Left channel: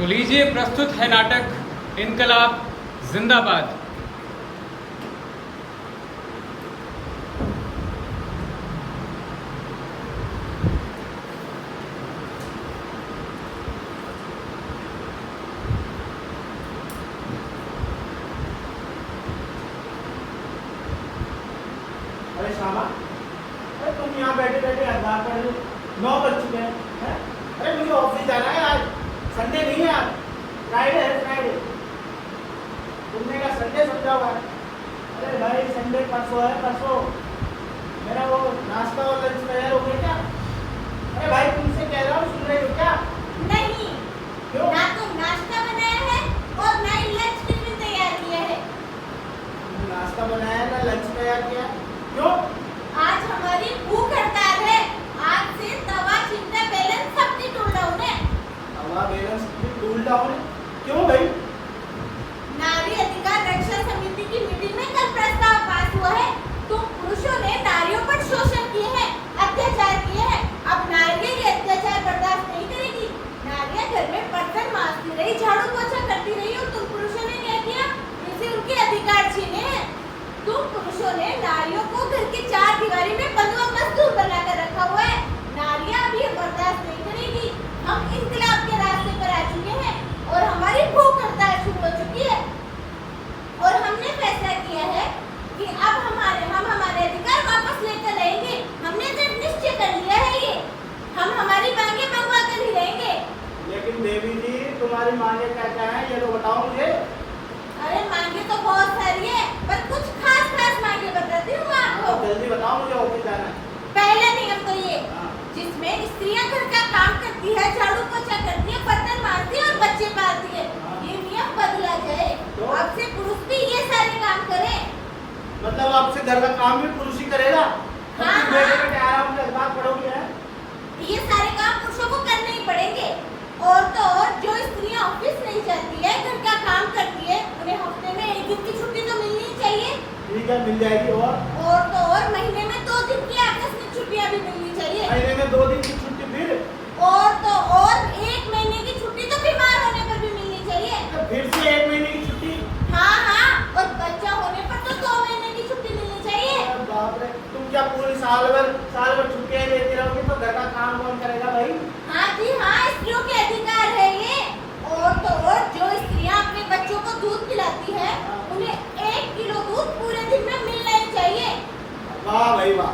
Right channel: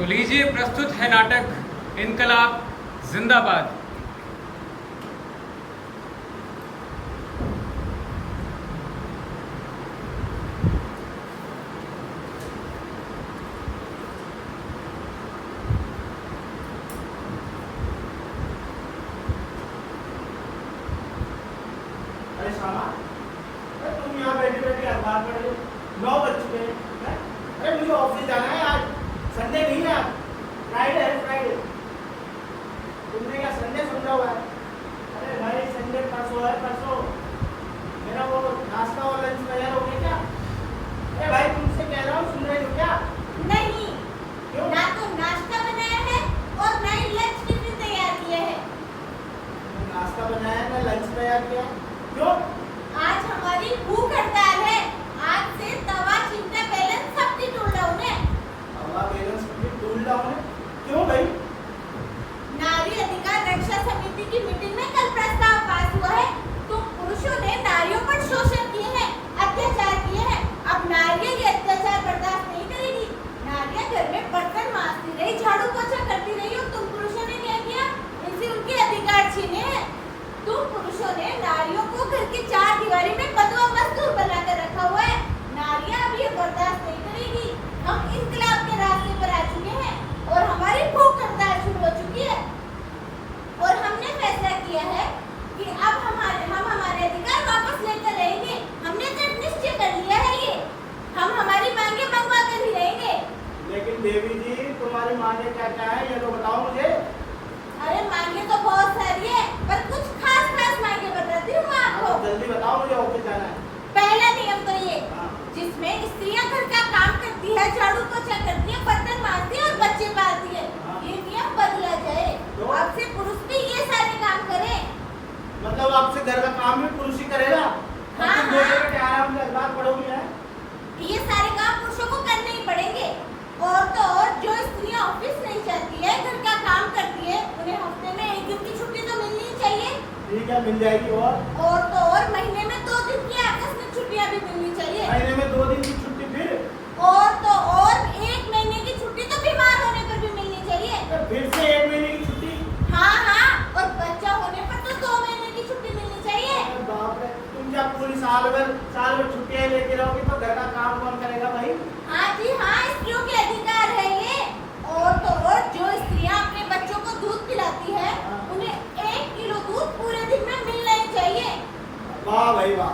तो लीजिए प्रस्तुत है नाटक इनकलाब जिंदाबाद। अरे शामा, अरे तुम यहाँ बैठे बैठे अखबार पढ़ रहे हो। 9 बज चुके हैं, हैं? अरे मुझे ऑफिस जाना है, आज संडे नहीं है, आज फ्राइडे है, फ्राइडे। तुमने क्या संडे समझा हुआ है? अरे भाई संडे परसों है, परसों। मेरा वो नाश्ता और लंच तैयार हो गया क्या? अरे भाई तुमसे कह रहा हूँ, सुन रहे हो क्या? नहीं, क्यों? ना तो नाश्ता बनाया है और ना ही लंच टिफिन तैयार किया है। नाश्ता बनाया है ना लंच तैयार किया है? क्यों? आज हमारी भूख हड़ताल है। आज से तवा, चिमटा, बेलन सब की टूल डाउन है। तवा बैलेंस की टूल डाउन है? क्यों भाई? नारी अधिकार रक्षा समिति की मीटिंग में कल प्रस्ताव पास हुआ है। तुम पुरुषों ने नारियों पर शोषण किए हैं, अत्याचार किए हैं। अब नारियां ये अत्याचार बर्दाश्त नहीं करेगी। नारियां घर में बर्तन मांजती रही, झाड़ू पोछा करती रही और तुम पुरुषों ने क्या किया? इनसे उनके अधिकार छीने हैं। तुम पुरुषों ने नारियों को घर की 4 दीवारी में बंधुआ मजदूर बनाकर रखा हुआ है। नारियां अब ये बर्दाश्त नहीं करेगी। हम इंकलाब के रास्ते पर आ चुके हैं और हमारी भूख हड़ताल शुरू हो चुकी है। और हमने फैसला किया है कि अब हम हमारे अधिकार वापस लेकर रहेंगे। हमने दृढ़ निश्चय कर लिया है ये। हम हमारी मांगे मंगवा कर ही रहेंगे। लेकिन देवी जी, तुम्हारी मांगे क्या क्या है, ये तो बताओ मुझे। अरे मांगे तो बहुत सारी है, पर कुछ खास मांगे बताती हूँ मैं आपको। जल्दी बताओ, मुझे ऑफिस जाना है। पहला नियम तो ये, हाँ। जिसमें स्त्रियां घर का काम करती है, झाड़ू पोछा करती है, बर्तन मारती है और बच्चे पालती है, हाँ। ये नियम बदला जाए। तो? अब से पुरुष भी ये सारे काम करें। मतलब अब से घर का काम भी पुरुष ही करेगा? हाँ, तुम हाँ। बैठे बैठे आराम से अखबार पढ़ोगी है? ये सारे काम पुरुषों को करने ही पड़ेंगे। और तो और जो स्त्रियां ऑफिस नहीं जाती है, घर का काम करती है, उन्हें हफ्ते में 1 दिन की छुट्टी तो मिलनी ही चाहिए। ठीक है, मिल जाएगी। और तो और महीने में 2 दिन की आकस्मिक छुट्टियां भी मिलनी चाहिए। महीने में 2 दिन की छुट्टी, फिर और तो और 1 महीने की छुट्टी तो बीमार होने पर भी मिलनी चाहिए। फिर से 1 महीने की छुट्टी। हाँ, और बच्चा होने पर तो 2 महीने की छुट्टी मिलनी चाहिए। अरे बाप रे, तुम क्या पूरी साल भर छुट्टियां लेती रहोगी तो घर का काम कौन करेगा भाई? हाँ जी हाँ, स्त्रियों के अधिकार है ये। और तो और जो स्त्रियां अपने बच्चों को दूध पिलाती है, उन्हें 1 किलो दूध पूरे दिन में मिलना ही चाहिए। वाह भाई वाह,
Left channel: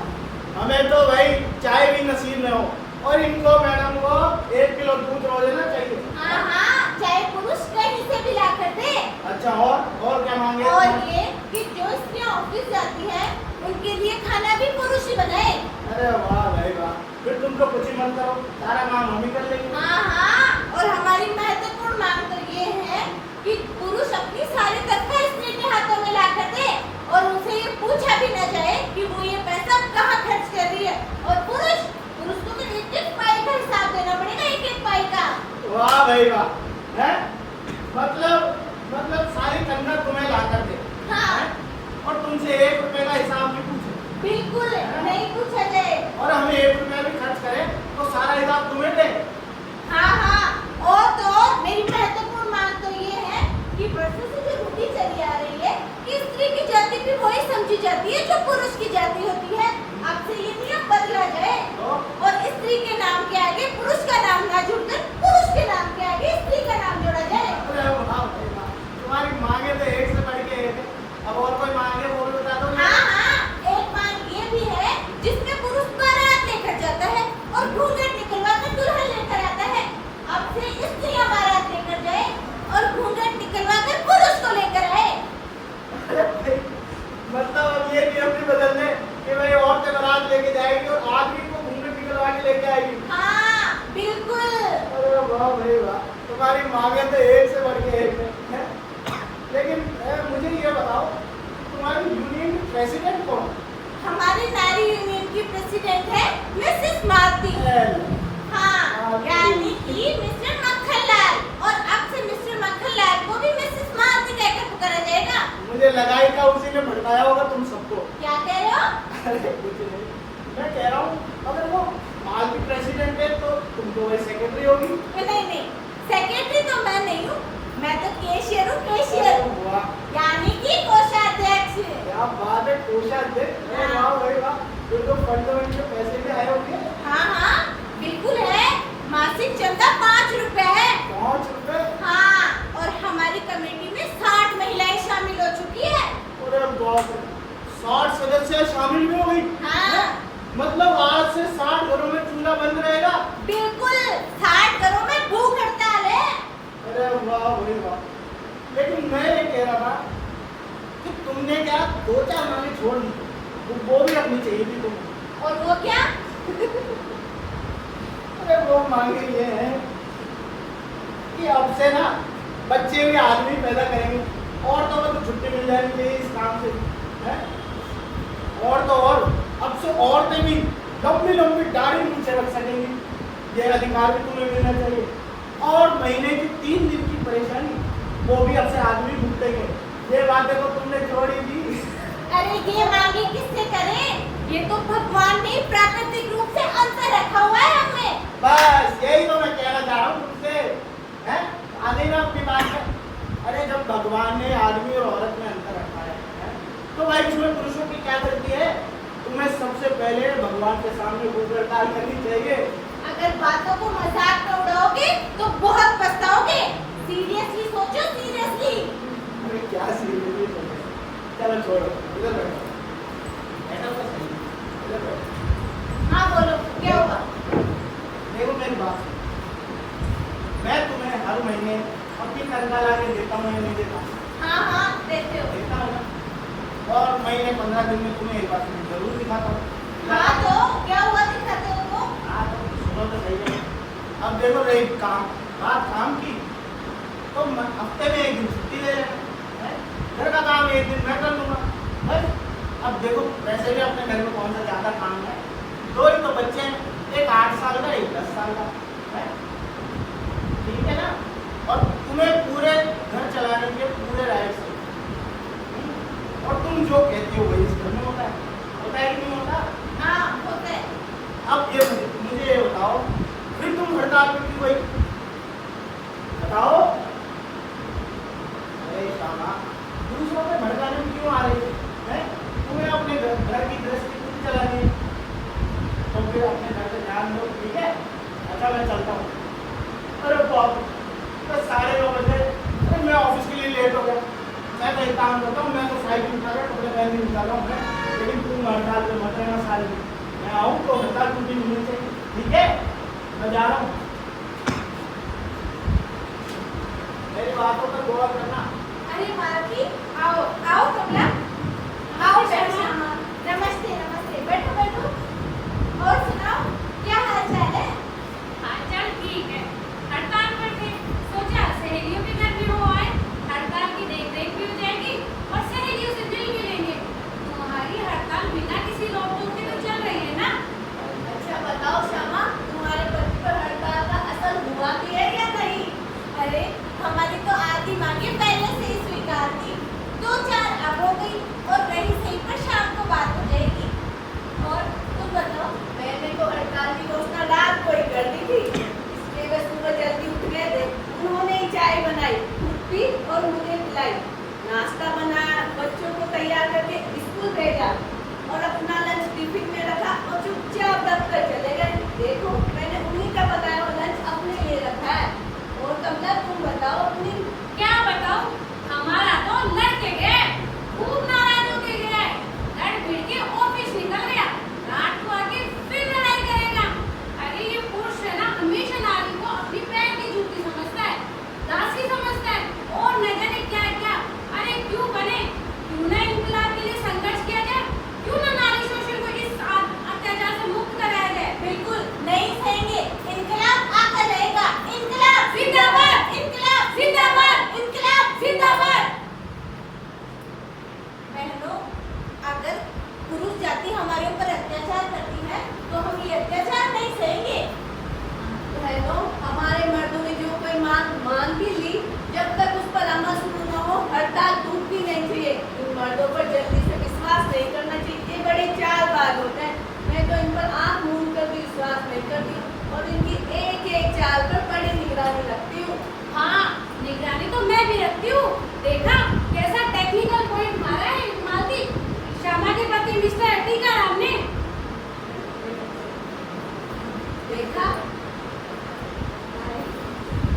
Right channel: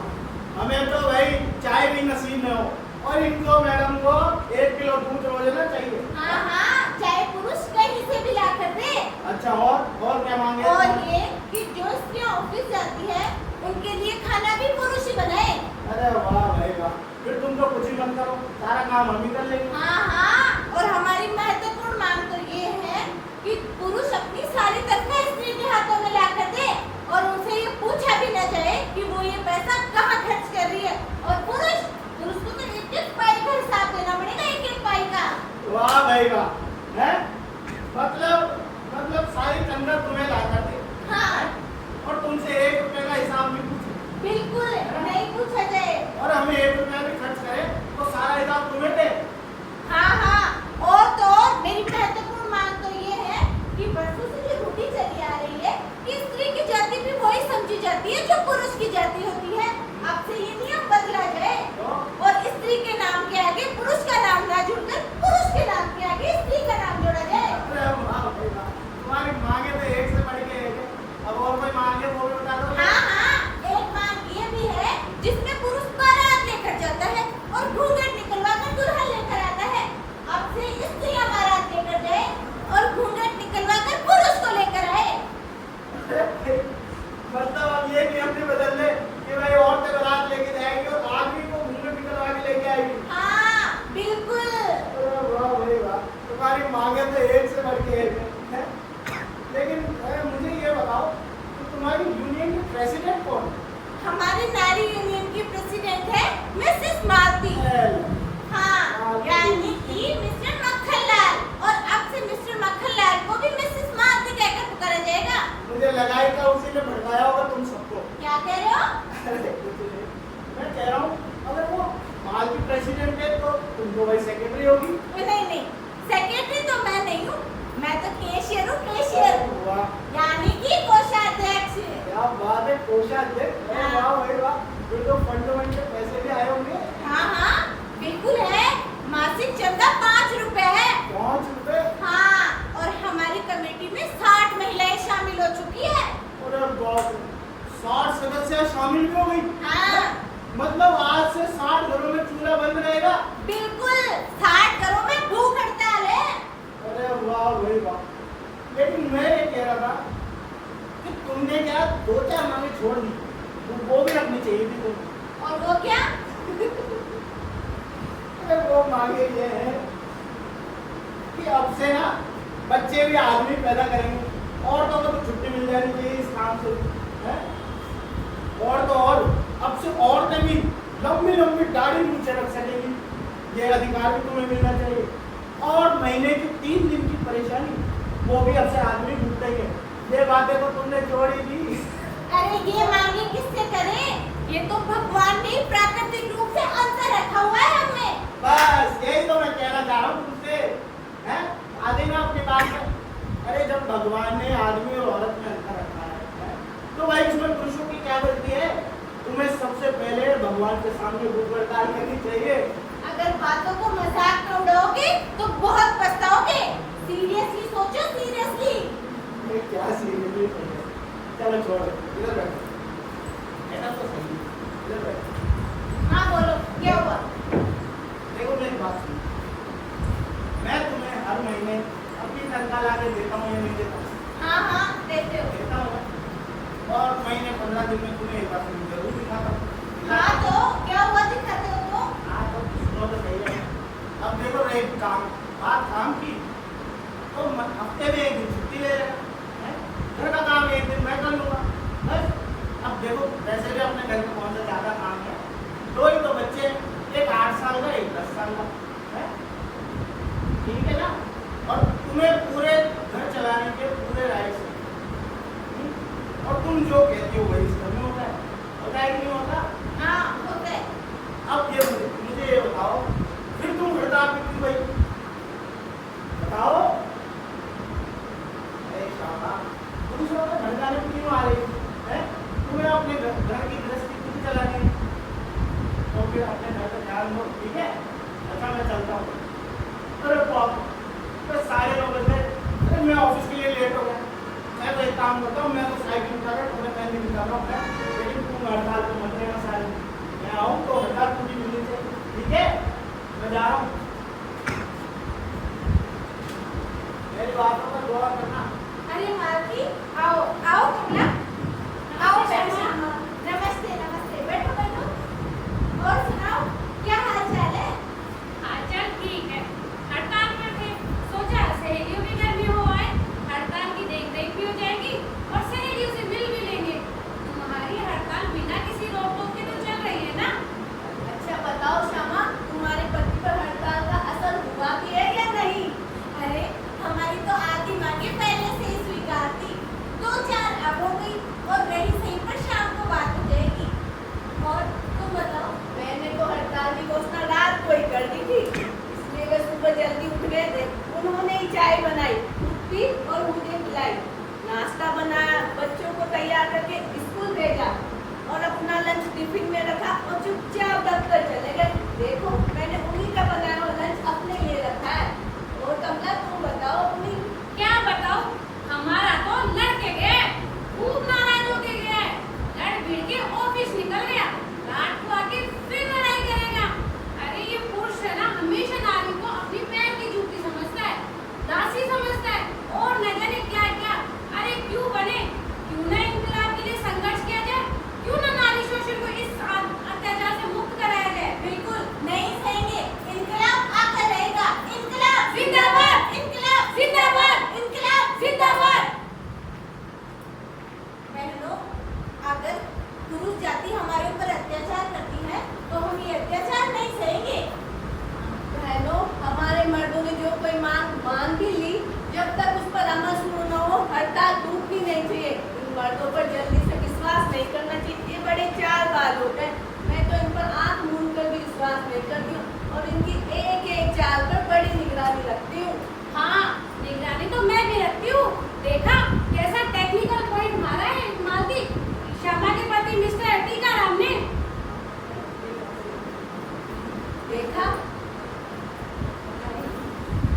हमें तो भाई चाय भी नसीब न हो, और इनको मैडम को 1 किलो दूध रोज लेना चाहिए। हाँ, चाहे पुरुष कहीं से भी ला कर दे। अच्छा, और क्या मांगे? और ये कि जो स्त्रियां ऑफिस जाती है, उनके लिए खाना भी पुरुष ही बनाए। अरे वाह भाई वाह, फिर तुम तो कुछ ही मत करो, सारा काम हम ही कर लेंगे। हाँ, और हमारी महत्वपूर्ण मांग तो ये है कि पुरुष अपनी सारी तनख्वाह स्त्री के हाथों में ला कर दे और उनसे ये पूछा भी न जाए कि वो ये पैसा कहाँ खर्च कर रही है। और पुरुष को तो 1-1 पाई का हिसाब देना पड़ेगा, 1-1 पाई का। वाह भाई वाह, है मतलब सारी तनख्वाह तुम्हें ला कर दे। हाँ, और तुमसे 1 रुपए का हिसाब भी पूछे, बिल्कुल नहीं पूछा जाए। और हमें 1 रुपया भी खर्च करे तो सारा हिसाब तुम्हें दे। हाँ, और तो और मेरी महत्वपूर्ण मांग तो ये है कि बरसों से जो रूढ़ी चली आ रही है कि स्त्री की जाति भी वही समझी जाती है जो पुरुष की जाति होती है, अब से ये नियम बदला जाए और स्त्री के नाम के आगे पुरुष का नाम ना जुड़कर पुरुष के नाम के आगे स्त्री का नाम जोड़ा जाए। अरे वाह भाई वाह, तुम्हारी मांगे तो एक से बढ़ के एक है। अब और कोई मांगे वो भी बता दो। हाँ, एक मांग ये भी है जिसमें पुरुष बारात लेकर जाता है और घूंघट निकलवा कर दुल्हन लेकर आता है। अब से स्त्रियां बारात लेकर जाए और घूंघट निकलवा कर पुरुष को लेकर आए। अरे भाई, मतलब अब ये नियम भी बदल दे कि भाई औरतें बारात लेके जाएगी और आदमी को घूंघट निकलवा के लेके आएगी। हाँ, बिल्कुल। अरे वाह भाई वाह, तुम्हारी मांगे तो एक से बढ़ के एक है। लेकिन मुझे ये बताओ, तुम्हारी यूनियन की प्रेसिडेंट कौन है? हमारी नारी यूनियन की प्रेसिडेंट है मिसेस मालती। हाँ, यानी कि मिस्टर मक्खनलाल। और अब से मिस्टर मक्खनलाल को भी मिसेस मालती कहकर पुकारा जाएगा। मुझे लगाई का उसी ने भड़काया होगा तुम सबको। क्या कह रहे हो? अरे कुछ नहीं, मैं कह रहा हूँ अगर वो मालती प्रेसिडेंट है तो तुम तो वही सेक्रेटरी होगी। नहीं, सेक्रेटरी तो मैं कह रहा था कि तुमने क्या 2-4 मांगे छोड़ दी, वो भी अपनी चाहिए थी तुम्हें। और वो क्या? अरे वो मांगे ये है कि अब से ना बच्चे भी आदमी पैदा करेंगे, औरतों को तो छुट्टी मिल जानी चाहिए इस काम से, है? और तो और अब से औरतें भी लंबी लंबी दाढ़ी नीचे रख सकेंगी, ये अधिकार भी तुम्हें मिलना चाहिए। और महीने की 3 दिन की परेशानी वो भी अब से आदमी भुगतेंगे। ये बातें तो तुमने जोड़ी दी। अरे ये मांगे किससे करें? ये तो भगवान ने प्राकृतिक रूप से अंतर रखा हुआ है हमें। बस यही तो मैं कहना चाह रहा हूँ तुमसे, हैं? आदि ना आपकी बात है। अरे जब भगवान ने आदमी और औरत में अंतर रखा है, तो भाई इसमें पुरुषों की क्या गलती है? तुम्हें सबसे पहले भगवान के सामने भूख हड़ताल करनी चाहिए। अगर बातों को मजाक में उड़ाओगे तो बहुत पछताओगे। सीरियसली सोचो, सीरियसली। अरे क्या सीरियसली सोच रहे हो? चलो छोड़ो, इधर बैठो। ऐसा तो सही है, इधर बैठो। हाँ बोलो, क्या हुआ? देखो मेरी बात सुनो, मैं तुम्हें हर महीने अपनी तनख्वाह ला के देता हूँ या नहीं देता हूँ? हाँ हाँ देते हो। देता हूँ ना? और महीने 15 दिन में तुम्हें एक बार तुम्हें जरूर दिखाता हूँ। हाँ तो क्या हुआ, दिखाते हो तो? हाँ तो सुनो तो सही है। अब देखो रही बात काम की, तो हफ्ते में 1 दिन छुट्टी ले लेना, है? घर का काम 1 दिन मैं कर लूँगा, बस। अब देखो वैसे भी अपने घर में कौन सा ज़्यादा काम है, 2 ही तो बच्चे हैं, एक 8 साल का, एक 10 साल का, है? ठीक है ना? और तुम्हें पूरे घर चलाने के पूरे राइट्स हैं, और तुम जो कहती हो वही इस घर में होता है कि नहीं होता? हाँ होता है। अब ये मुझे ये बताओ, फिर तुम हड़ताल पे क्यों गई? बताओ। अरे शामा, दूसरों पे भड़काने में क्यों आ रही है? तुम्हें अपने घर की गृहस्थी खुद चलानी है, तो फिर अपने घर पे ध्यान दो, ठीक है? अच्छा मैं चलता हूँ। अरे बाप, तो 9:30 बजे, अरे मैं ऑफिस के लिए लेट हो गया। मैं तो एक काम करता हूँ, मैं तो साइकिल उठा कर कपड़े पहन के निकाल रहा हूँ, लेकिन तुम हड़ताल पे मत रहना साल में। मैं आऊँ तो हड़ताल टूटी मिलनी चाहिए, ठीक है? मैं जा रहा हूँ। मेरी बातों पर गौर करना। अरे मालती, आओ आओ कमला, आओ बैठो। नमस्ते नमस्ते, बैठो बैठो। और सुनाओ, क्या हाल चाल है? हालचाल ठीक है। हड़ताल पर थे, सोचा सहेलियों के घर भी हो आए, हड़ताल की देख भी हो जाएगी और सहेलियों से मिल भी लेंगे। तुम्हारी हड़ताल बिना किसी रोक टोक के तो चल रही है ना? अच्छा बताओ श्यामा, तुम्हारे पति पर हड़ताल का असर हुआ भी है या नहीं? अरे हमारी तो आधी मांगे पहले से ही स्वीकार थी, 2-4 अब हो गई, और रही सही पर शाम को बात हो जाएगी। और तुम बताओ? मैंने तो हड़ताल की घोषणा रात को ही कर दी थी, इसलिए वे सुबह जल्दी उठ गए थे। उन्होंने ही चाय बनाई, दूध पी और मुझे पिलाई, नाश्ता बनाया, बच्चों को तैयार करके स्कूल भेजा और अपना लंच टिफिन में रखा और चुपचाप दफ्तर चले गए। देखो मैंने उन्हीं का बनाया हुआ लंच अपने लिए रखा है। और कमला तुम बताओ अपनी। क्या बताओ, हमारा तो लड़के गए, खूब नाराज होके गया है, लड़ भिड़ के ऑफिस निकल गया, रात को आके फिर लड़ाई करेगा। अरे ये पुरुष है ना, हमेशा नारी को अपनी पैर की जूती समझता है, दासी समझता है, और न जाने क्या क्या। अरे क्यों बने, क्यों ना इंकलाब के लिए संघर्ष किया जाए, क्यों ना नारी शोषण को इस अत्याचार से मुक्त कराया जाए। बिल्कुल नहीं सहेंगे, इनकलाब आता रहेगा। इनकलाब जिंदाबाद, इनकलाब जिंदाबाद, इनकलाब जिंदाबाद। बहनों, अगर पुरुष जाति हमारे ऊपर अत्याचार करती है तो हम ये अत्याचार नहीं सहेंगे। बहनों, हमारे मर्दों ने जो कोई मांग भी ली, जब तक उस पर अमल शुरू न हो हड़ताल टूटनी नहीं चाहिए। इन मर्दों पर जल्दी से विश्वास नहीं करना चाहिए, ये बड़ी चालबाज होते हैं। मैं तो इन पर आंख मूंद कर भी विश्वास नहीं करती हूँ और इनकी एक एक चाल पर बड़ी निगरानी रखती हूँ। हाँ, निगरानी तो मैं भी रखती हूँ। देखा कैसा टेक्निकल पॉइंट मारा है मालती, श्यामा के पति मिस्टर टीकाराम ने। देखा?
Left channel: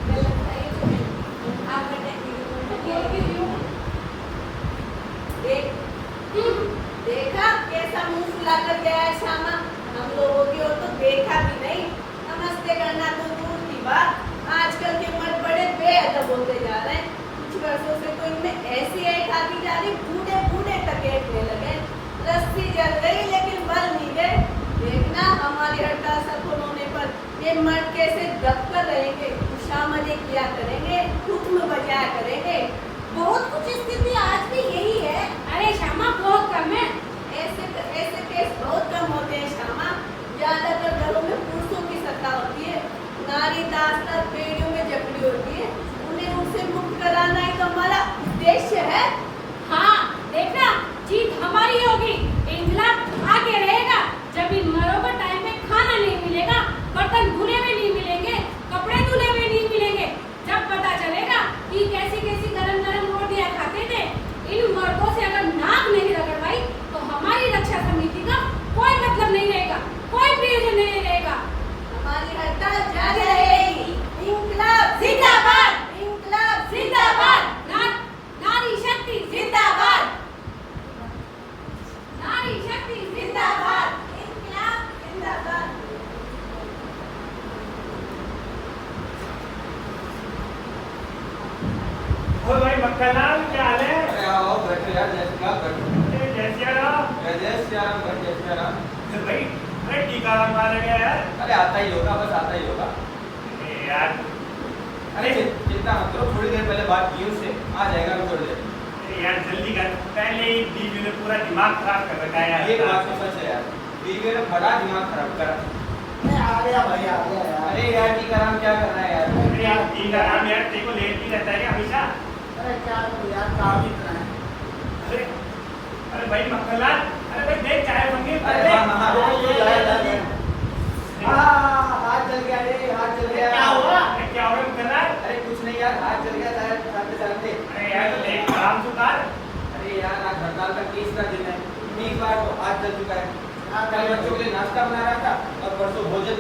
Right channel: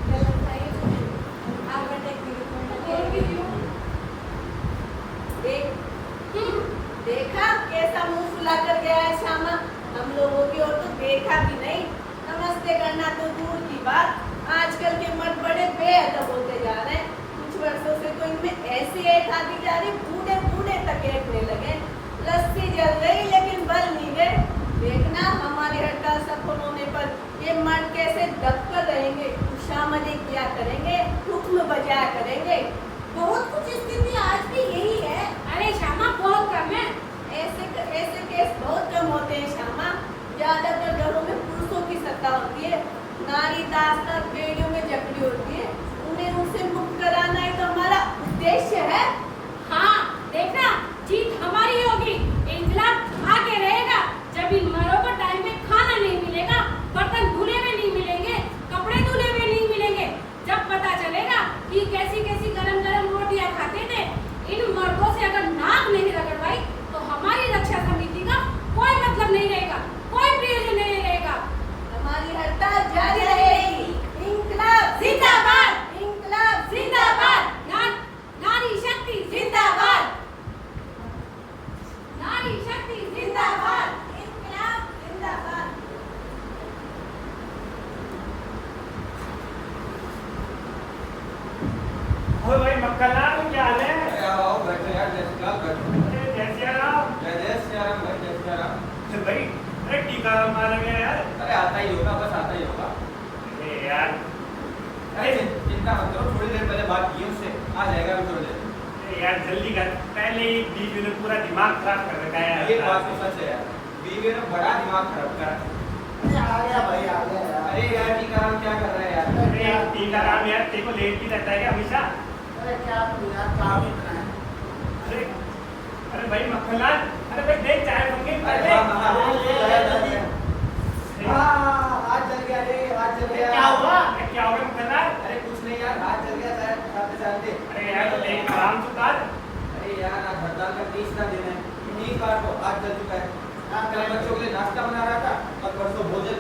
गलत है ये तुम्हें। आप देखा कैसा मुंह फुलाकर गया है श्यामा। हम लोगों की ओर तो देखा भी नहीं, नमस्ते करना तो दूर की बात। आजकल के मर्द बड़े बेअदब होते जा रहे हैं, कुछ वर्षों से तो इनमें ऐसी ऐड आती जा रही, बूढ़े बूढ़े तक ऐठने लगे। रस्सी जल गई लेकिन बल नहीं गए। देखना हमारी हड़ताल सफल होने पर ये मर्द कैसे दब कर रहेंगे, उषा मजे किया करेंगे, हुक्म बजाया करेंगे। बहुत कुछ स्थिति आज भी यही है। अरे श्यामा बहुत कम है। ऐसे केस बहुत कम होते हैं श्यामा। ज्यादातर घरों में पुरुषों की सत्ता होती है, नारी दास्तार बेड़ियों में जकड़ी होती है। उन्हें उनसे मुक्त कराना ही तो हमारा उद्देश्य है। हाँ देखना जीत हमारी होगी। इंकलाब आगे रहेगा। जब इन मरों को टाइम पे खाना नहीं मिलेगा, बर्तन धुले हुए नहीं मिलेंगे, कपड़े धुले हुए नहीं मिलेंगे, जब पता चलेगा कि कैसी कैसी गरम गरम रोटियां खाते थे, इन मर्दों से अगर नाक नहीं रगड़वाई तो हमारी रक्षा समिति का कोई मतलब नहीं रहेगा, कोई प्रयोजन नहीं रहेगा। हमारी हड़ताल जारी रहेगी। इंकलाब जिंदाबाद, इंकलाब जिंदाबाद, नारी शक्ति जिंदाबाद, नारी शक्ति जिंदाबाद, इंकलाब जिंदाबाद। ओ भाई मक्खनलाल क्या हाल है? अरे आओ बैठो यार, जय श्री राम बैठो। अरे जय सिया राम। जय श्री राम भाई, जय श्री राम। भाई अरे टीकाराम मारा गया यार। अरे आता ही होगा, बस आता ही होगा। अरे यार, अरे चिंता मत करो, थोड़ी देर पहले बात की उससे, आ जाएगा अभी थोड़ी देर। अरे यार जल्दी कर, पहले ही बीवी ने पूरा दिमाग खराब कर रखा है यार। ये बात तो सच है यार, बीवी ने बड़ा दिमाग खराब करा। आ गया भाई, आ गया यार। अरे यार टीकाराम क्या कर रहा है यार? अरे यार टीकाराम यार, तेरे को लेट ही रहता है क्या हमेशा? अरे क्या तू यार, काम इतना है। अरे अरे भाई मक्खनलाल, अरे भाई देख चाय बन गई अरे पहले। हाँ, हाँ, हाँ, ये लाए दादी। हाथ जल गया रे, हाथ जल अरे गया। क्या हुआ? अरे क्या हुआ मक्खनलाल? अरे कुछ नहीं यार, हाथ जल गया चलाते चलाते। अरे यार देख आराम से उतार। अरे यार आज हड़ताल का 30वां दिन है, 30 बार तो हाथ जल चुका है। कल बच्चों के लिए नाश्ता बना रहा था, अब परसों भोजन।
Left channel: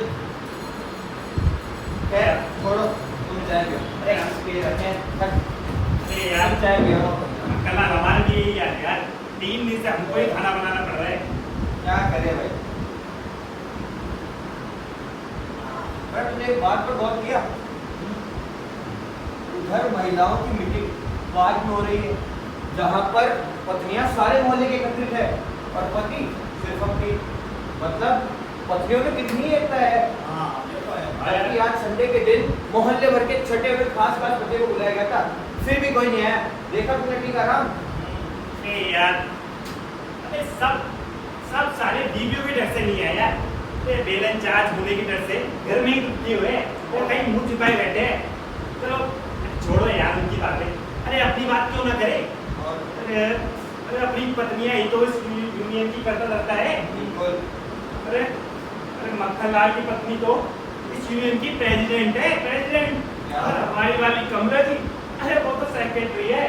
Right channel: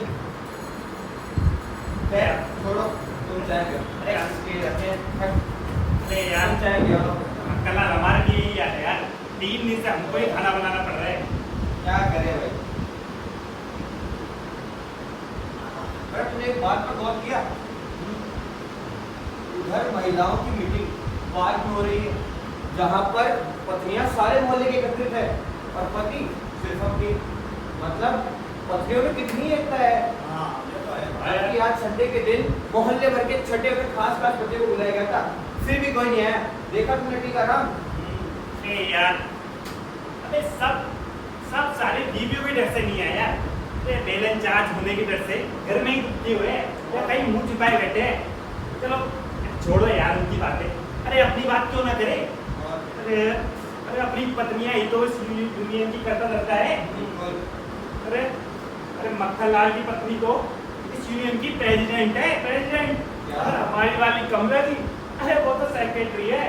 खैर छोड़ो, तुम चाय पियो। अरे इसके रखें, अरे यार तुम चाय पियो। मक्खनलाल हमारे लिए ही यार यार, 3 दिन से हमको ही खाना बनाना पड़ रहा है। क्या करें भाई? पर तुमने एक बात पर गौर किया? उधर महिलाओं की मीटिंग पार्क में हो रही है, जहाँ पर पत्नियां सारे मोहल्ले के एकत्रित है और पति सिर्फ अपनी। मतलब पत्नियों में कितनी एकता है। हाँ ये तो है। हालांकि आज संडे के दिन मोहल्ले भर के छठे हुए खास बच्चे को बुलाया गया था, फिर भी कोई नहीं आया। देखा तुमने टीकाराम? अरे यार, अरे सब सारे बीवियों के डर से नहीं है यार। ये बेलन चार्ज होने के डर से घर में ही रुकते हुए वो कहीं मुंह छिपाए बैठे हैं। चलो छोड़ो यार उनकी बातें। अरे अपनी बात क्यों ना करे? अरे अपनी पत्नियां ही तो इस यूनियन की करता रहता है। बिल्कुल। अरे मक्खनलाल की पत्नी तो इस यूनियन की प्रेसिडेंट है, प्रेसिडेंट। क्या? और हमारी वाली कमला जी, अरे वो तो सेक्रेटरी है।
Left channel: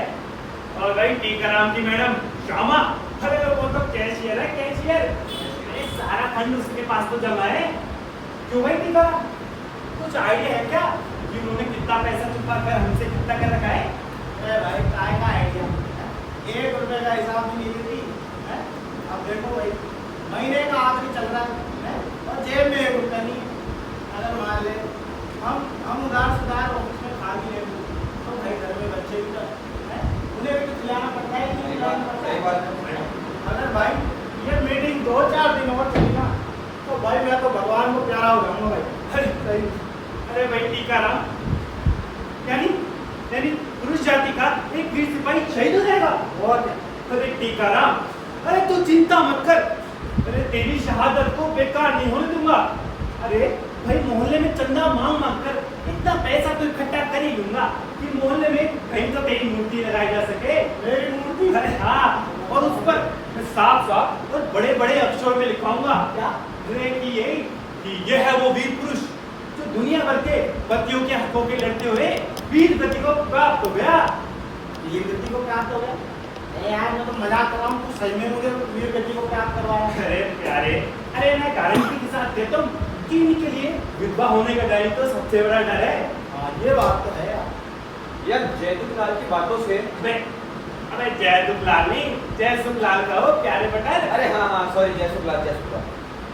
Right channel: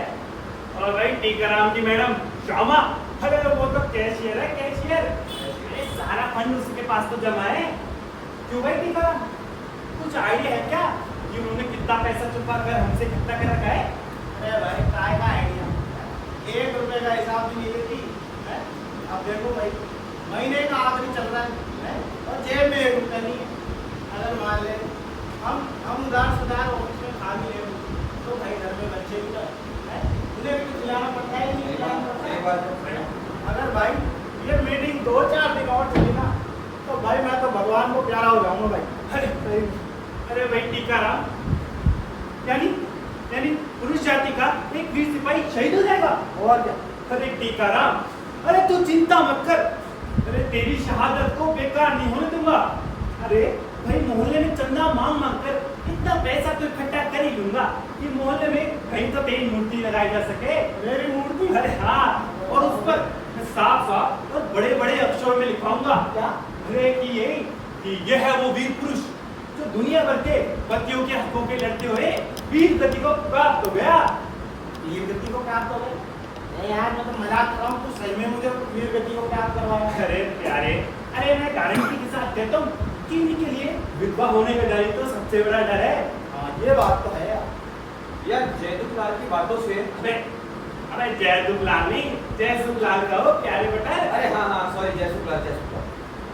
और भाई टीकाराम की मैडम श्यामा, अरे वो तो कैशियर है, कैशियर। अरे सारा फंड उसके पास तो जमा है। क्यों भाई टीकाराम, कुछ आइडिया है क्या कि उन्होंने कितना पैसा छुपा कर हमसे कितना कर रखा है? अरे भाई काय का आइडिया, 1 रुपए का हिसाब भी नहीं देती है। अब देखो भाई, महीने का आखिरी चल रहा है और जेब में 1 रुपया नहीं है। अगर मान ले हम उधार सुधार ऑफिस में खा भी ले तो भाई घर में बच्चे भी तो है, उन्हें भी तो खिलाना पड़ता है, नहीं खिलाना पड़ता सही है। बात है। अगर भाई ये मीटिंग 2-4 दिन और चली ना तो भाई मैं तो भगवान को प्यारा हो जाऊंगा भाई। अरे अरे भाई टीकाराम, यानी पुरुष जाति का एक वीर सिपाही शहीद हो जाएगा। और क्या? अरे टीकाराम, अरे तू चिंता मत कर। अरे तेरी शहादत को बेकार नहीं होने दूंगा। अरे भाई मोहल्ले में चंदा मांग कर इतना पैसा तो इकट्ठा कर ही लूंगा कि मोहल्ले में कहीं तो तेरी मूर्ति लगाई जा सके। मेरी मूर्ति? अरे हाँ, और उस पर साफ साफ और बड़े बड़े अक्षरों में लिखवाऊंगा क्या? अरे कि ये है वो वीर पुरुष जो दुनिया भर के पतियों के हकों के लड़ते हुए वीर गति को प्राप्त हो गया। वीर गति को प्राप्त हो गया? नहीं यार, मैं तो मजाक कर रहा हूँ, तू सही में मुझे वीर गति को प्राप्त करवाया। अरे प्यारे, अरे मैं गारंटी के साथ कहता हूँ कि इनके लिए विधवा होने का डर ही तो सबसे बड़ा डर है। हाँ ये बात तो है यार। यार जयदुलाल की बातों से अबे जयदुलाल नहीं, जयसुखलाल कहो प्यारे बटर। अरे हाँ सॉरी, जयसुखलाल।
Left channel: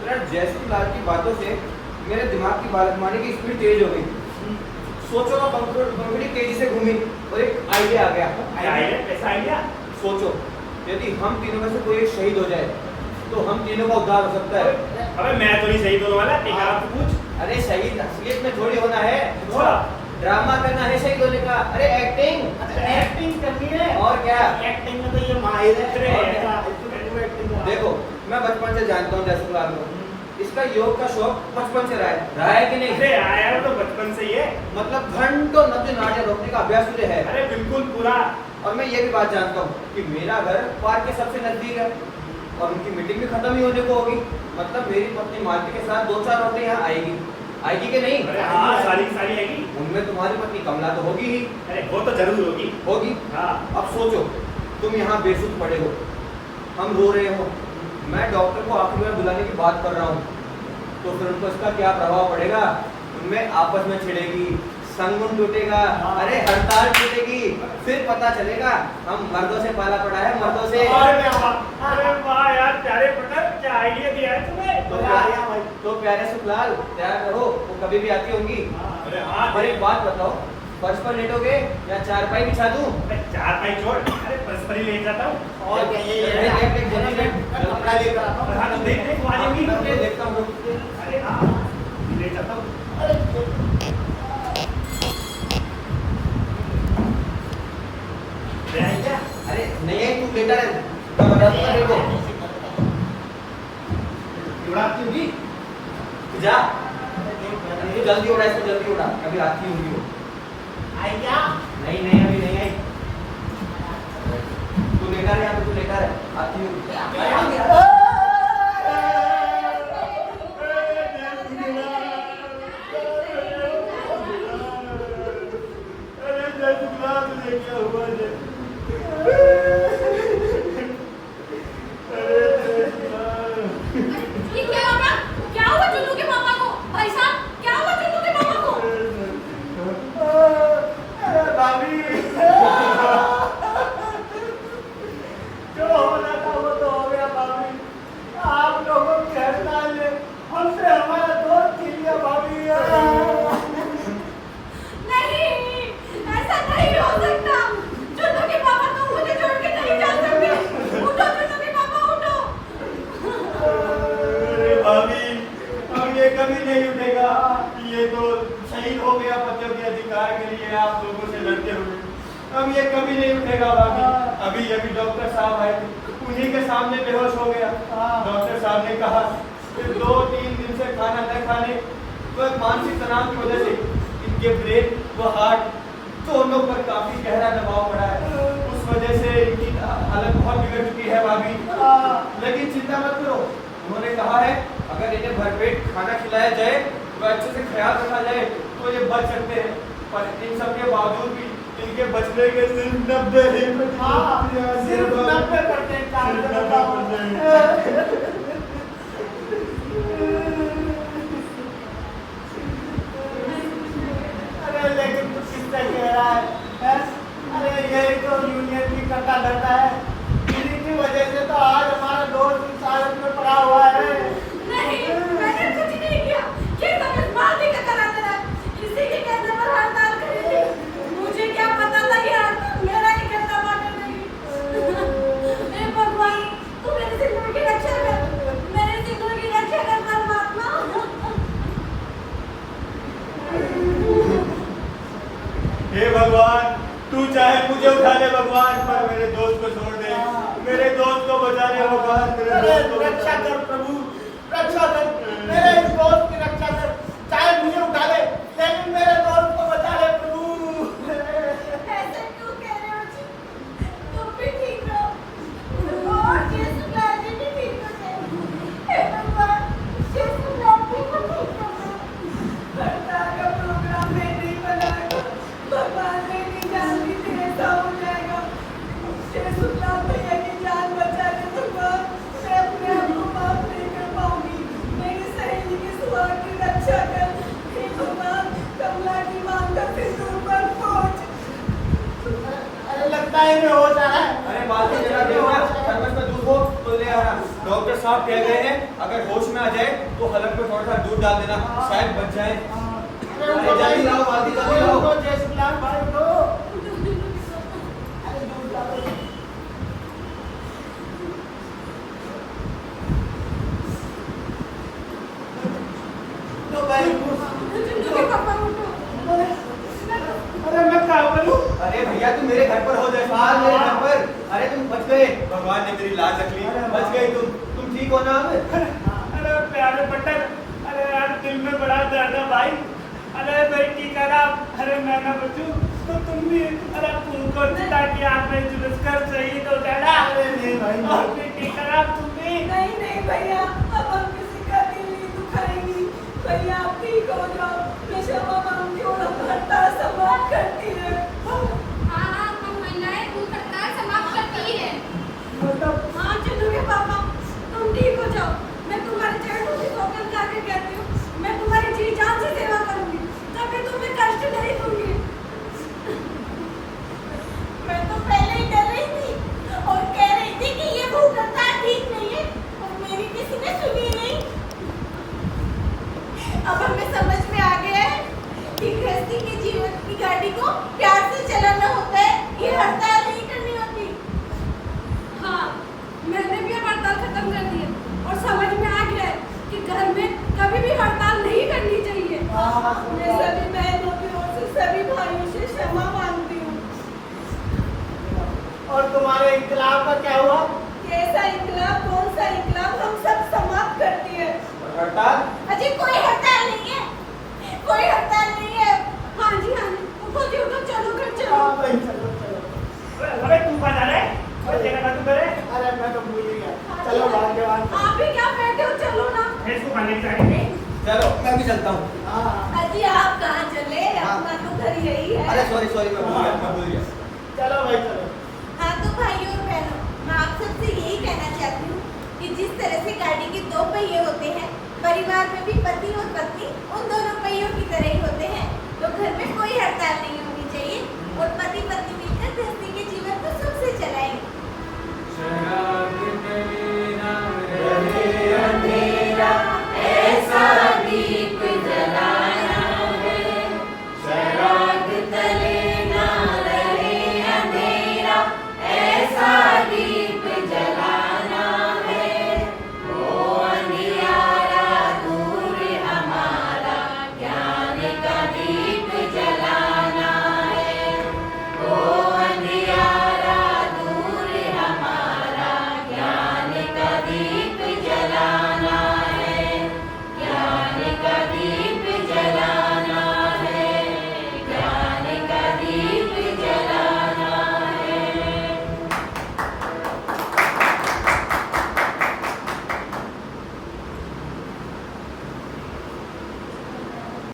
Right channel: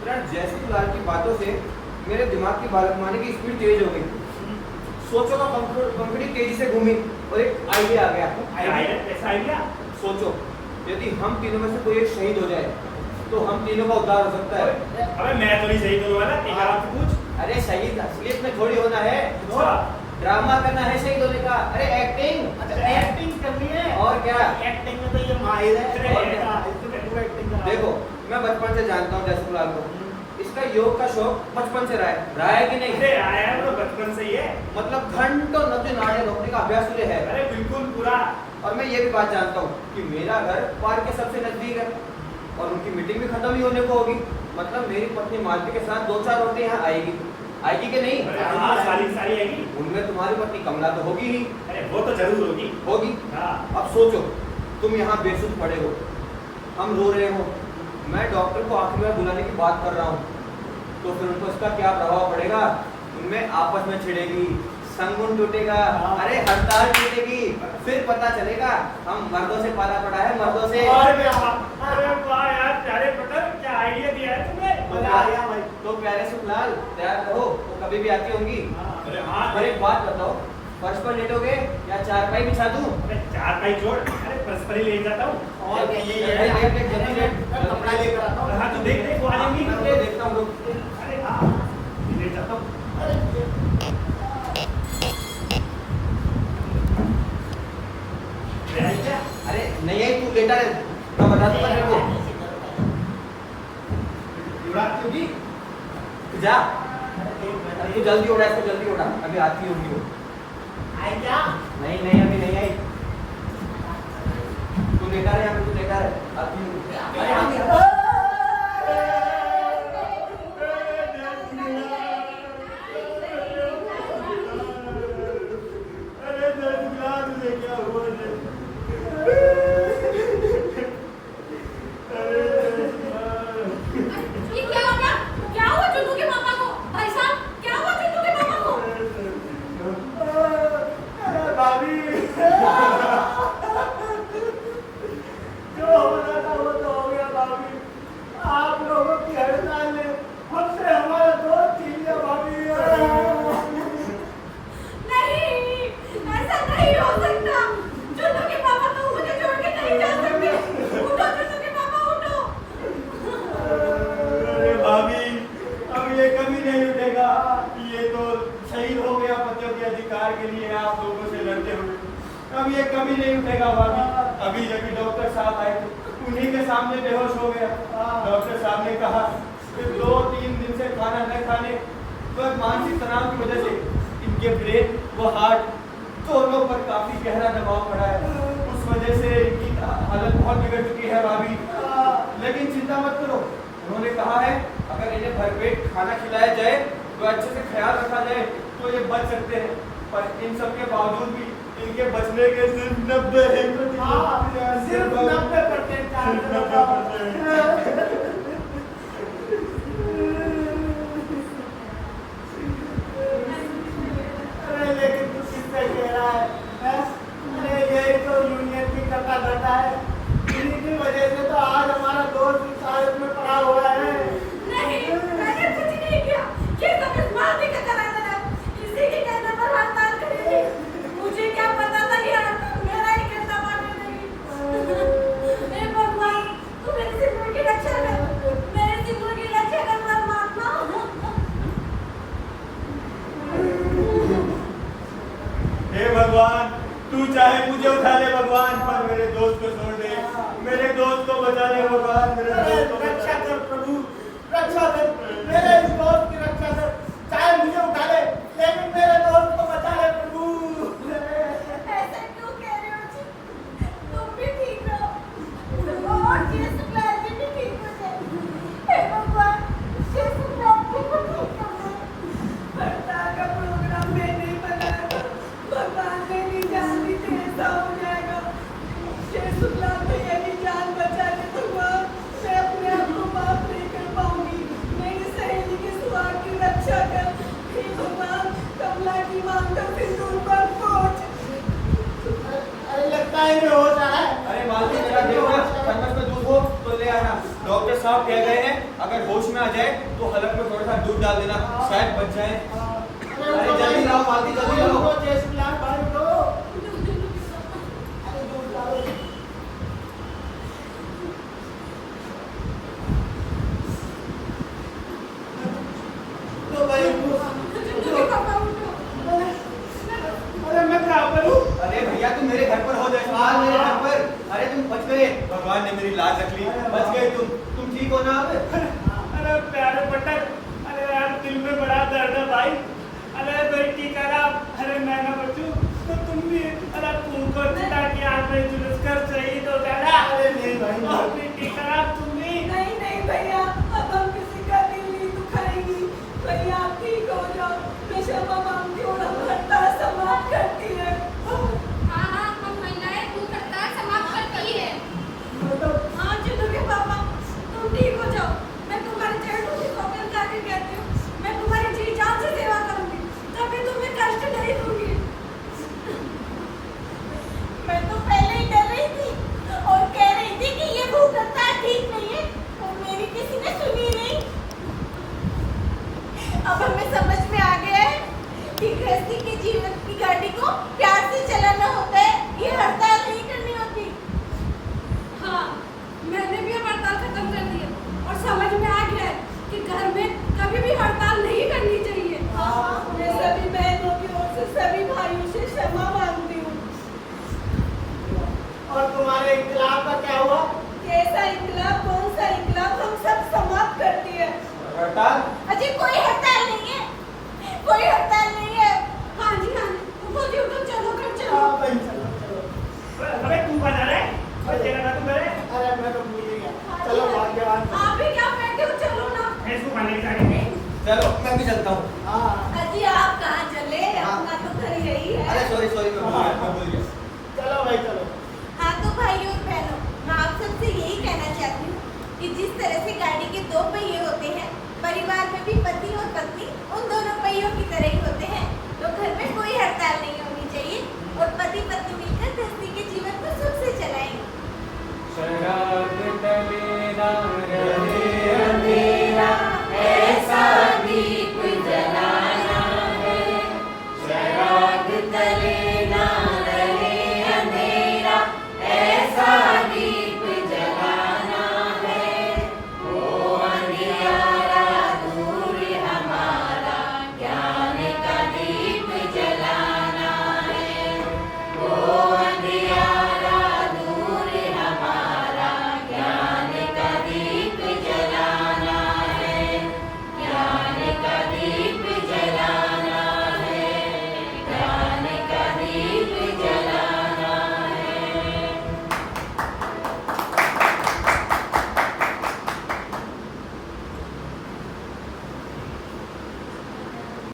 यार जयसुखलाल की बातों से मेरे दिमाग की बालकमानी की स्पीड तेज हो गई। सोचो का पंखुड़ी तेजी से घूमी और एक आइडिया आ गया। आइडिया कैसा आइडिया? सोचो यदि हम तीनों में से कोई एक शहीद हो जाए तो हम तीनों का उद्धार हो सकता है। अबे मैं तो नहीं शहीद होने वाला, टीका राम से पूछ। अरे शहीद असलियत में थोड़ी होना है, अच्छा। ड्रामा करना है शहीद होने का। अरे एक्टिंग। अच्छा एक्टिंग करनी है। और क्या? एक्टिंग में तो ये माहिर है। अरे, और क्या? इसमें पूरा एक्टिंग करा। देखो मैं बचपन से जानता हूँ जयसुखलाल को, इसका योग का शौक बचपन से रहा है कि नहीं? अरे आया तो बचपन से ही है। मतलब घंटों नृत्य नाट्य रोकने का अभ्यास तुझे है। अरे बिल्कुल पूरा। और मैं ये भी बात जानता हूँ कि मेरा घर पार्क के सबसे नजदीक है और उनकी मीटिंग भी खत्म ही होने को होगी। मतलब मेरी पत्नी मालती के साथ 2-4 औरतें यहाँ आएगी कि नहीं? अरे हाँ सारी सारी आएगी। उनमें तुम्हारी पत्नी कमला तो होगी ही। अरे वो तो जरूर होगी। हाँ। अब सोचो तुम यहाँ बेसुध पड़े हो, हम रो रहे हो, मैं डॉक्टर को आखिरी में बुलाने की बात कर रहा हूँ, तो फिर उनको इसका क्या प्रभाव पड़ेगा? उनमें आपस में छिड़ेगी, संगुन टूटेगा, अरे हड़ताल टूटेगी, फिर पता चलेगा हम मर्दों से पाला पड़ा है, मर्दों से। अरे वाह यार प्यारे पटर, क्या आइडिया दिया है तुमने। तो प्यारे सुखलाल तैयार करो, वो कभी भी आती होंगी। अरे हाँ। और एक बात बताओ, फर्श पर लेटोगे या चारपाई बिछा दूं? अरे चारपाई छोड़, अरे परस्पर ही ले जाता हूँ। और क्या ये कपड़ा लेकर आता हूँ। हाँ तो देख वो आ जाएंगी। देखता हूँ। अरे हाँ ले जाता हूँ। अरे नहीं है, तू लेटा रहे, मैं बता दूंगा तेरे को। युवराज जी जा तू जल्दी उड़ा, इसको जल्दी उड़ा, अभी आती होगी वो। आई क्या? नहीं अभी नहीं आई। तू लेटा रहे, यहाँ पे तू लेटा रहे, आती होगी। ये क्या हो गया? क्या हुआ चुन्नू के पापा को? भाई साहब क्या हुआ चुन्नू के पापा को? भाभी जो होना था वो तो हो गया भाभी। आप लोगों की हड़ताल ने हमसे हमारा दोस्त छीन लिया भाभी। नहीं, ऐसा नहीं हो सकता। चुन्नू के पापा तो मुझे छोड़ के नहीं जा सकते। उठो चुन्नू के पापा, उठो। अरे भाभी अब ये कभी नहीं उठेगा। ये तो शहीद हो गया बच्चों के अधिकार के लिए आप लोगों से लड़ते हुए। अब ये कभी नहीं उठेगा भाभी। अभी डॉक्टर साहब आए थे, उन्हीं के सामने बेहोश हो गया। डॉक्टर साहब ने कहा कि 2-3 दिन से खाना न खाने व मानसिक तनाव की वजह से इनके ब्रेन व हार्ट दोनों पर काफी गहरा दबाव पड़ा है। उस वजह से इनकी हालत बहुत बिगड़ चुकी है भाभी। लेकिन चिंता मत करो, उन्होंने कहा है अगर इन्हें भरपेट खाना खिलाया जाए व अच्छे से ख्याल रखा जाए तो ये बच सकते हैं। पर इन सब के बावजूद भी इनके बचने के सिर्फ 90%। अरे लेकिन कुछ किससे कह रहा है? अरे यही तो यूनियन की कटा धटा है। इन्हीं की वजह से तो आज हमारा दोस्त इस हालत में पड़ा हुआ है। नहीं, मैंने कुछ नहीं किया। ये सब इस मालती का कराना है। इसी के कहने पर हड़ताल करी थी। मुझे क्या पता था ये हड़ताल मेरा ही कहना मानने लगी। हे भगवान, तू मेरी जिंदगी की रक्षा कर। मेरे जिंदगी की रक्षा कर परमात्मा। हे भगवान, तू चाहे मुझे उठा ले भगवान, पर मेरे दोस्त को छोड़ दे। मेरे दोस्त को बचा ले भगवान, मेरे दोस्त को रक्षा बचा ले। कर प्रभु, रक्षा कर। मेरे इस दोस्त की रक्षा कर। चाहे मुझे उठा ले, लेकिन मेरे दोस्त को बचा ले प्रभु। ऐसे क्यों कह रहे हो जी? तुम भी ठीक रहो और ये सुखलाल जी भी ठीक हो जाए। हे भगवान, ये सुखलाल जी को ठीक कर दो। हड़ताल का प्रोग्राम मैं नहीं बनाया, भगवान ने नहीं जान दी थी ऐसा हो जाएगा। शुक्लाल भैया की जान बचा ले भगवान। मैं अपने आप को माफ नहीं कर पाऊंगी। मेरी सहेली की सुहाग की रक्षा कर। हे भगवान, कमला की मांग का सिंदूर पर पहुंच। अरे लगता है ये हो जा रहा है। अरे मालती जरा देखना, थर्मस में दूध हो तो ले आना। डॉक्टर साहब कह गए हैं अगर होश में आ जाए तो हलक में थोड़ा सा दूध डाल देना, शायद बच जाए। उठो जल्दी भाई। लाओ बाल्टी, जल्दी लाओ। उठो, जय श्री राम भाई, उठो। अरे दूध डालो। उठो भाई, उठो। पापा उठो। अरे मैं कहाँ पर हूँ? अरे भैया तुम मेरे घर पर हो जयसवाल, मेरे घर पर। अरे तुम बच गए, भगवान ने मेरी लाज रख ली। बच गए तुम ठीक हो ना अब? अरे प्यारे पट्टर, अरे यार दिल में बड़ा दर्द है भाई। अरे भाई ठीक है ना? अरे मैं ना बचूं तो तुम भी अरे तुमको चिता की आग में झुलस कर शहीद हो जाना। अरे नहीं भाई, और भी ठीक है ना तुम भी? नहीं नहीं भैया, अब हम किसी का दिल नहीं दुखाएंगी। भैया आप ठीक हो जाओ, मैं क्षमा मांगती हूँ, हम हड़ताल समाप्त करती है। हाँ हाँ, हम महिलाएं भूख हड़ताल समाप्त करती है। मतलब हाँ चलो के पापा, तुम ठीक हो जाओ। मैं तुम्हारे चरणों से सौगंध करके कहती हूँ, मैं तुम्हारी जी जान से सेवा करूंगी, कभी तुम्हें कष्ट नहीं दूंगी। मैं तो पहले ही डर रही थी और कह रही थी कि ये भूख हड़ताल ठीक नहीं है, और मेरी किसी ने सुनी नहीं। अब हमें समझ में आ गया है कि गृहस्थी के जीवन की गाड़ी को प्यार से चलाना होता है, ये हड़ताल नहीं करनी होती। हाँ, मैंने भी अब हड़ताल खत्म कर दी है और समझ में आ गया है कि घर में कभी भी हड़ताल नहीं करनी चाहिए। मैं सभी बहनों की ओर से सभी भाइयों से क्षमा मांगती हूँ। और तुम्हारे इनकलाब का क्या हुआ? कैसा इनकलाब, कौन सा इनकलाब, हम सब समाप्त करती है। हड़ताल? अजी कोई हड़ताल नहीं है, कोई हड़ताल नहीं है। हाँ जी, उठो जी उठो, चलो घर चलो। हाँ भाई चलो चलो। अबे तू बना रहे? अबे तेरा का तू करे? अरे मैं तो भूल ही गया। चलो भाग्यवान। आप भी क्या बैठे हो, चलो ना। इसको खाने चाहिए। चलो मैं भी चलता हूँ। हाँ। अजी आप कहाँ चले, अपना तो घर यही है। अरे सॉरी मैं भूल गया। चलो भाई चलो। हाँ तो भाइयों और बहनों, मैं आप सबसे यही कहना चाहती हूँ कि जिस तरह से गाड़ी के दो पहिए होते हैं, परिवार में भी पति और पत्नी उन दोनों पहियों की तरह ही होते हैं, तो घर में कोई हड़ताल नहीं